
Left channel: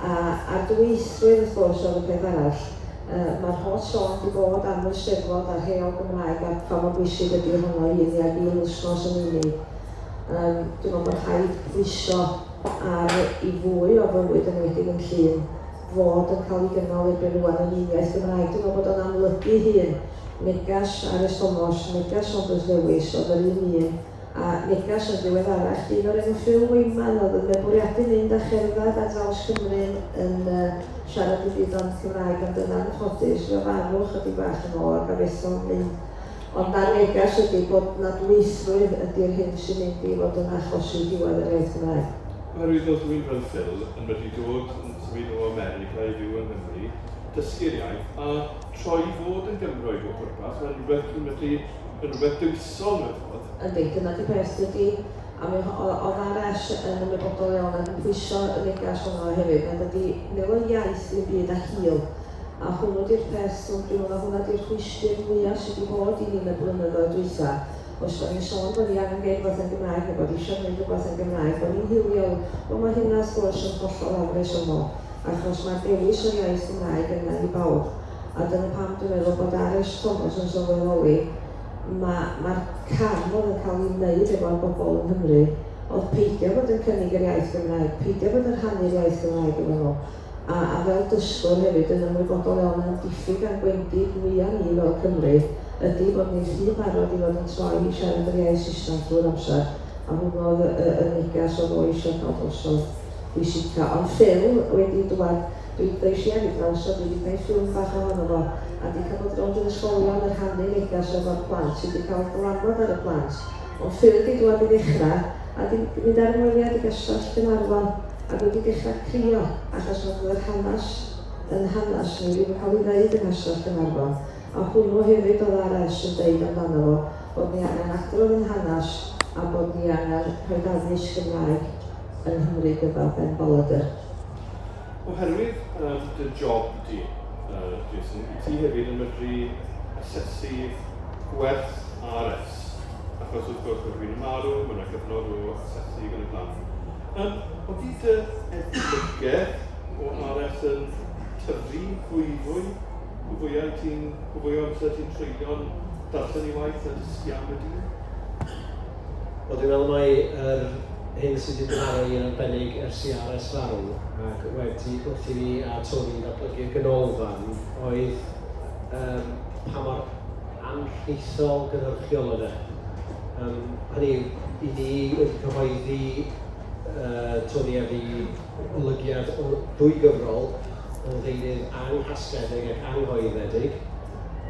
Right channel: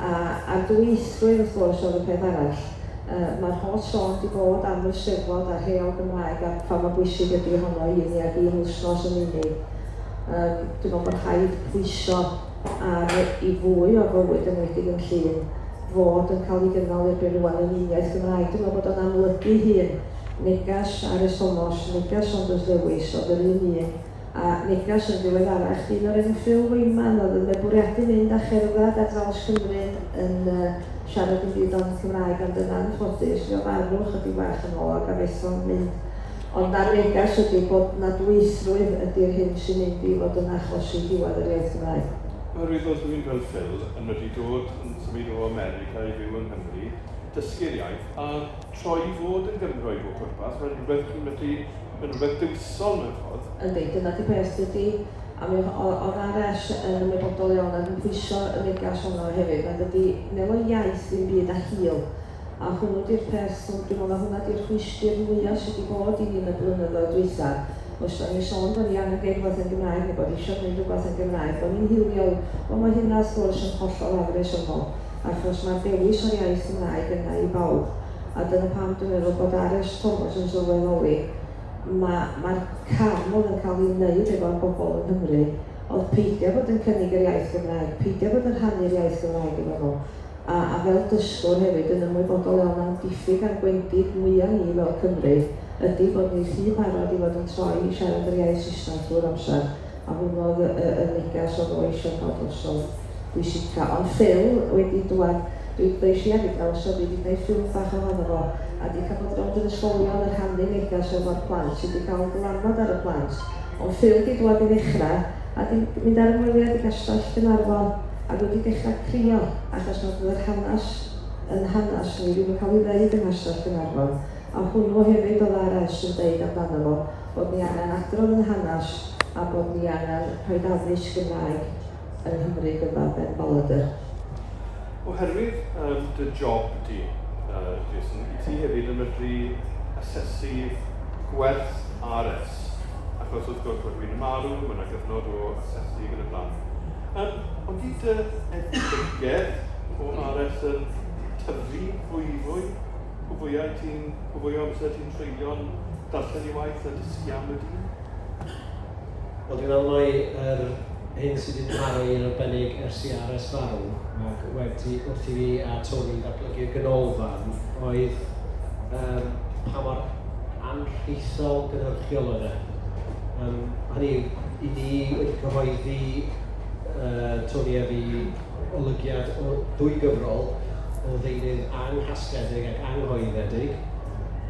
A'r dwythrwydd wrth gwrs oedd y peth arall. Mae'r holl sôn wedi bod am Eisteddfod a'r hyn o Gymraeg a pha mor bwysig ydy honno i ni ac i'n wsnos yn unig. Dwi'n meddwl bod rhaid pwyso ar i fwy o fywyd yn wedi'n Llŷn fod yn cael ei gynnal erbyn rwan yn uniaeth Gymraeg. Dwi'n meddwl bod o'n amlygu hun negas R.S.Thomas, negas Saunders Lewis oedd yr un A negas yn ddiweddarach, dyn o'r enw Phil Wyman oedd yn bwriadu mynd â cherdded ar draws Cymru yn siarad i byd ond Cymraeg, ond yna'n ffodus, fe farw chydig bach yn ôl ac abeithio'n mynd. Ond ar negas ydy bod na dweithrwydd ydy'r hyn sy'n mynd i fod yn achosi diwedd yr iaith Cymraeg. Oherwydd os dwi'n fel Phil yn wedi dod yn symud o America i fyw yng Nghymru, dysgu'r iaith a troi fod yn Gymroeg o pwrpas, mae'n rhywbeth chi'n medru yn rhywbeth dywysol mewn ffordd. Yndi, dyna di peth ydy, a o'r R.S. yn ymwybodol iawn ac yn pwyso y negas honno hefyd, ond ydy fel o iaith ddim byd a hil. A hwnnw di'r peth, dwi'n meddwl hwnna di'r chwystrau mwyaf sydd wedi bod i ni yn y blynyddoedd dwytha. Os o'n i'n sôn bod ni angen geir rhywbeth yn Gymraeg, a bod eisiau gwneud rhywbeth yn Gymraeg, bod ni'n hiliol, ond mae hynna wrth gwrs yn hollol afres yno, achos mae'r dewis o'r iaith Gymraeg yna i bawb. A dyna pam dwi'n meddwl bod R.S.Thomas yn sylweddoli, mae'r carn oedd yn cael ei wneud efo'r bobl yng Nghymru, oedd peidio bod yn cynnig yr iaith Gymraeg, peidio bod yn rhannu'r iaith Gymraeg yn nhw. A fel dysgwr hefyd yn ymwybodol iawn yn diffyg ar gwendid mwyaf ni fel Cymru, ydy bod ni'n rhy barod i fod yn troi i siarad yr iaith Saesneg drwy'r amser, a hwn oedd y negas oedd o eisiau bod osodd bwysica. Ond Phil wedi dweud, dwi'n eisiau hefyd am so wedi gwneud ffilm bach ohono fo, a wedi cael bod rownd yn ysgolion yn rhannu negas o'r plant sydd wedi cael gyfarfod ar y plant. Ond Phil wedi dweud i ddechrau, a wedi mynd ar ymweliad i gastell Gynarfon, ac wedi dechrau crio, achos oedd yr hanes yn hanes ni wedi cael ei ddeud yn gastell Gynarfon. A hwnnw hefyd oedd R.S. yn deud amdano fo, bod ni angen adrodd yn hanes a bod ni angen rhoi addysg Gymraeg yn Nghymru gyda Ben Balader. Oherwydd dy job di, Jason, ti hefyd yn medru asesu gwerth R.S. Achos wrth gwrs bod fi'n marw, mae yna gyfnod o asesu gan y plan. Ond di dy edrych o R.S. yn tyfu fwy, o fwy amser ti'n treulio'n darllen i waith a dysgu am y dyn? Wel, dwi'n meddwl mai hyn sydd wedi Parri yn arbennig ers i R.S. farw, ac wedi wrth i fi a Tony datblygu'r ganolfan, oedd pa mor anrheithol gynhyrchiol oedd e. Hynny, i ni wedi cyhoeddi Tony a fi olygiad o ddwy gyfrol, o ddeunydd anghasgedig ac anghoeddedig,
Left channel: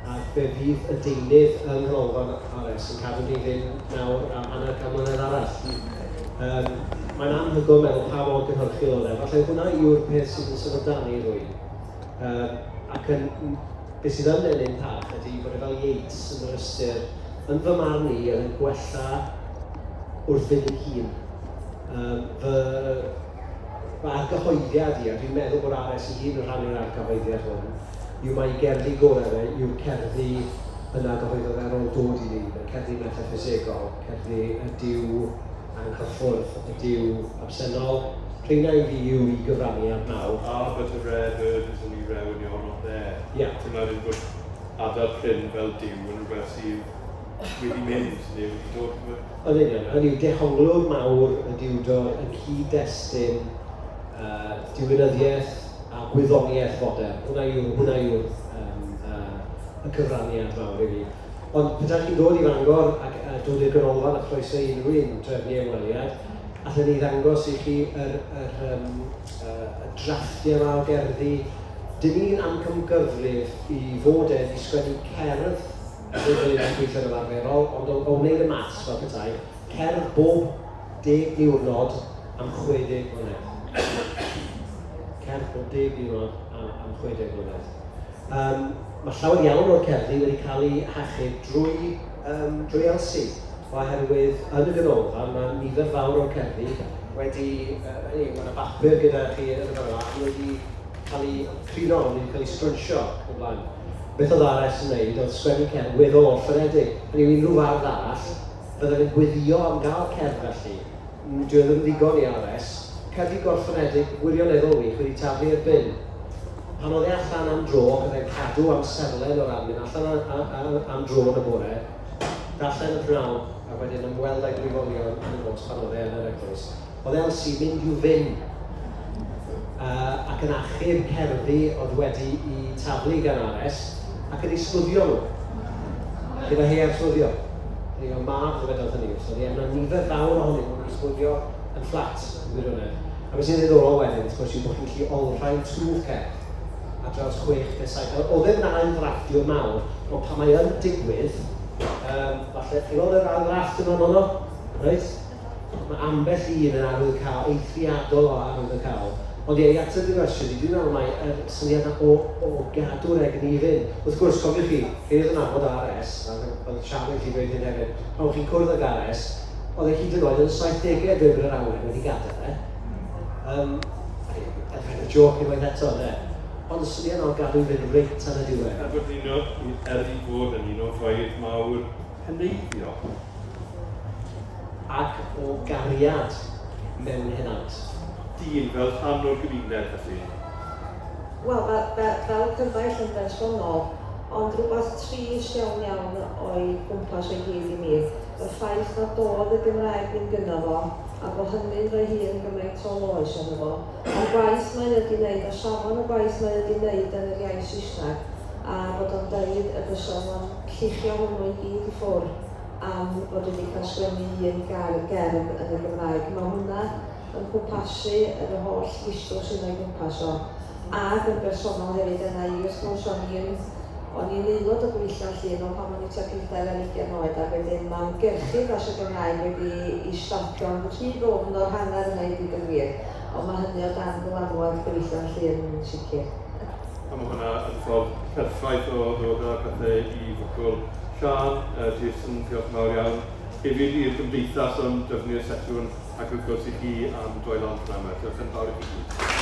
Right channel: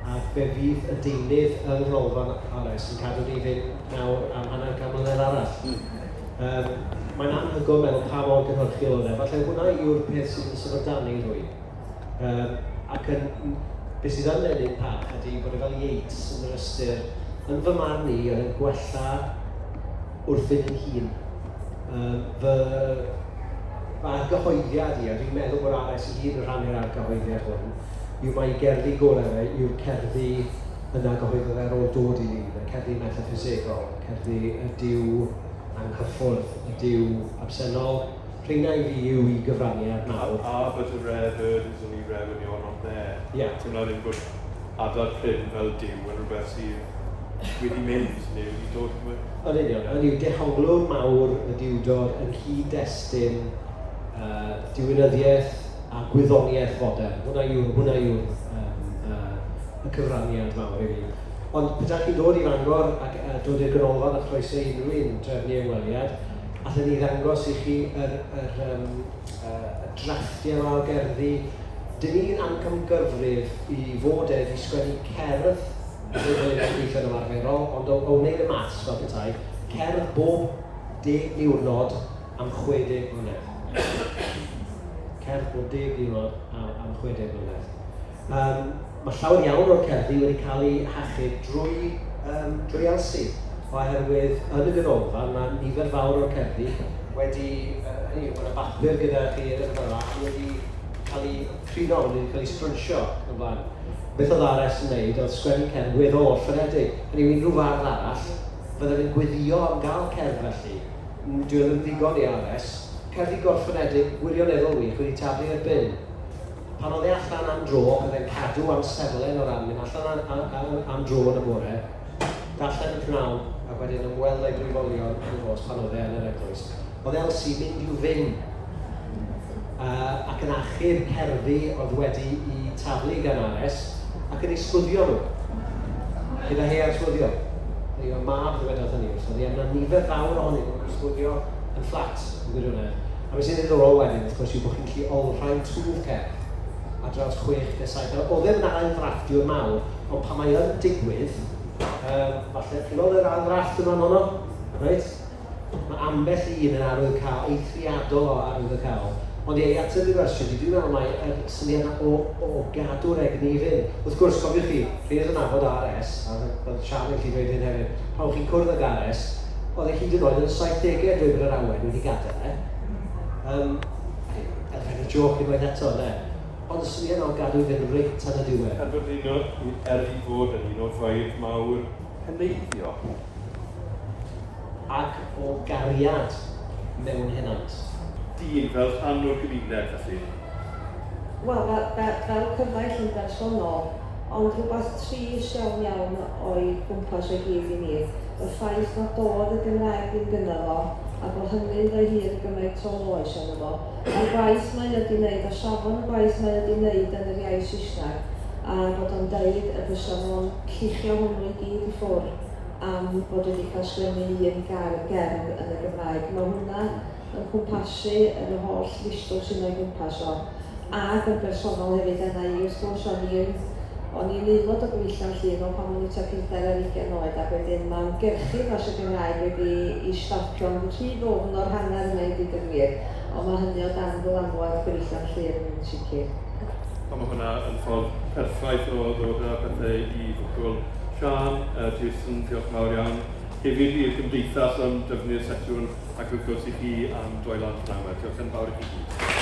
ac fe fydd y deunydd yn rhwng R.S. yn cadw ni fynd nawr am hanner gan mlynedd arall. Mae'n anhygoel meddwl pa mor gynhyrchiol oedd e, falle hwnna yw'r peth sydd yn sefydlu rwy'n. Ac beth sydd yn enyn parch ydy bod e fel Yates yn yr ystyr, yn fy marn ni yn gwella wrth fynd yn hun. Mae'r gyhoeddiad i, a dwi'n meddwl bod R.S. i hun yn rhannu'r argyhoeddiad hwn, yw mae gerddi gorau yw'r cerddi yna gyhoeddodd ar ôl dod i ni, cerddi metaphysegol, cerddi y diw anghyffwrdd, y diw absennol. Rheina i fi yw i gyfraniad nawr. But a rare bird is only rare when you're not there. Ie. Ti'n meddwl bod adar prin fel diw yn rhywbeth sydd wedi mynd, neu wedi dod yma? Yn union, yn yw dehonglwr mawr y diwdor yn cyd-destun diwinyddiaeth a gwyddoniaeth fodern. Hwna yw'r y cyfraniad mawr i fi. Ond pethau chi'n dod i Fangor ac dod i'r ganolfan a chroeso unrhyw un drefnu ymweliad, allan ni ddangos i chi y drafftiau yma o gerddi. Dyn ni'n amcamgyfrif i fod i sgwennu cerdd, fel yn gweithio yn ymarferol, ond o wneud y maths fel petai, cerdd bob 10 diwrnod am 60 mlynedd. Cerdd bob 10 diwrnod am 60 mlynedd. Mae llawer iawn o'r cerddi wedi cael ei hachub drwy elsi, oherwydd yn y ganolfan mae nifer fawr o'r cerddi wedi, mae yna bapur gyda chi yn y fyrach, wedi cael ei crino, wedi cael ei sprwnsio yn blaen. Beth oedd R.S. yn gwneud oedd sgwennu cerdd weddol orffenedig. Hynny yw unrhyw fardd arall, byddai'n yn gweddio am gael cerdd felly. Dwi ddim ddigon i R.S. Cerddi gorffenedig wirioneddol wych wedi taflu i'r bin. Pan oedd e allan am dro, oedd e'n cadw am seflen o'r amyn, allan am dro yn y bore, darllen y pnawn, a wedyn ymweld â'i glifolion yn y nos pan oedd e yn yr eglwys. Oedd Elsie mynd i'w fynd ac yn achub cerddi oedd wedi i taflu gan R.S. ac yn ei sglwyddio nhw, gyda her sglwyddio. O'n i fel mab ddywedodd hynny, so ni yna nifer fawr ohonyn nhw'n ysgwylio yn fflat yn gwirionedd. A beth sy'n ddiddorol wedyn, wrth gwrs, yw bod chi'n gallu olrhain twf cerdd a draws 6-7. Oedd e'n na'n ddrafftio mawr, ond pan mae yn digwydd, falle, chi'n gweld yr ardrafft yma mono, reit? Mae ambell un yn arwyddocâl, eithriadol o arwyddocâl. Ond ie, at y diwersiwn, dwi'n meddwl mae syniad o gadw'r egni i fynd. Wrth gwrs, cofiwch chi, rhaid yn abod R.S., oedd Sian yn lli dweud hyn hefyd, pan chi'n cwrdd ag R.S., oedd e hyd yn oed yn 70au dwi'n yr awen wedi gadael, elfen y joc i waith eto, ne? Ond y syniad o gadw i fynd reit tan y diwedd. A dwi'n i fod yn un o ffaith mawr heneiddio. Ac o gariad mewn hynant. Dyn fel rhan o'r gymuned felly? Wel, fel cyfaill yn bersonol, ond rhywbeth trist iawn o'i gwmpas o'i gyd i mi, y ffaith na doedd y Gymraeg ddim gyda fo, a bod hynny'n rhoi hun yn gymaint o loes yna fo. Y gwaith mae wedi wneud, a safon y gwaith mae wedi wneud yn yr iaith Saesneg, a bod o'n deud y bysa nhw'n lluchio hwnnw i gyd i ffwrdd am bod wedi cael sgwennu un gair gerdd yn y Gymraeg. Mae hwnna yn gwmpasu yn y holl listw sy'n o'i gwmpas o. Ac yn bersonol hefyd yna i, wrth gwrs, o'n i'n aelod o gweithio'n llun o pan o'n i tua 50 oed, ac wedyn mae'n gyrchu dros y Gymraeg wedi i stopio'n rhy ddwfn o'r hanner yna i ddweud y gwir, ond mae hynny o dan dylanwad gweithio'n llun yn sicr. Mae hwnna yn ffordd perffaith o ddod â pethau i ddocol Sian, Jason, diolch mawr iawn. Hefyd i'r Gymdeithas am dyfnu'r setiwn ac wrth gwrs i chi am droi lan drama. Diolch yn fawr i chi.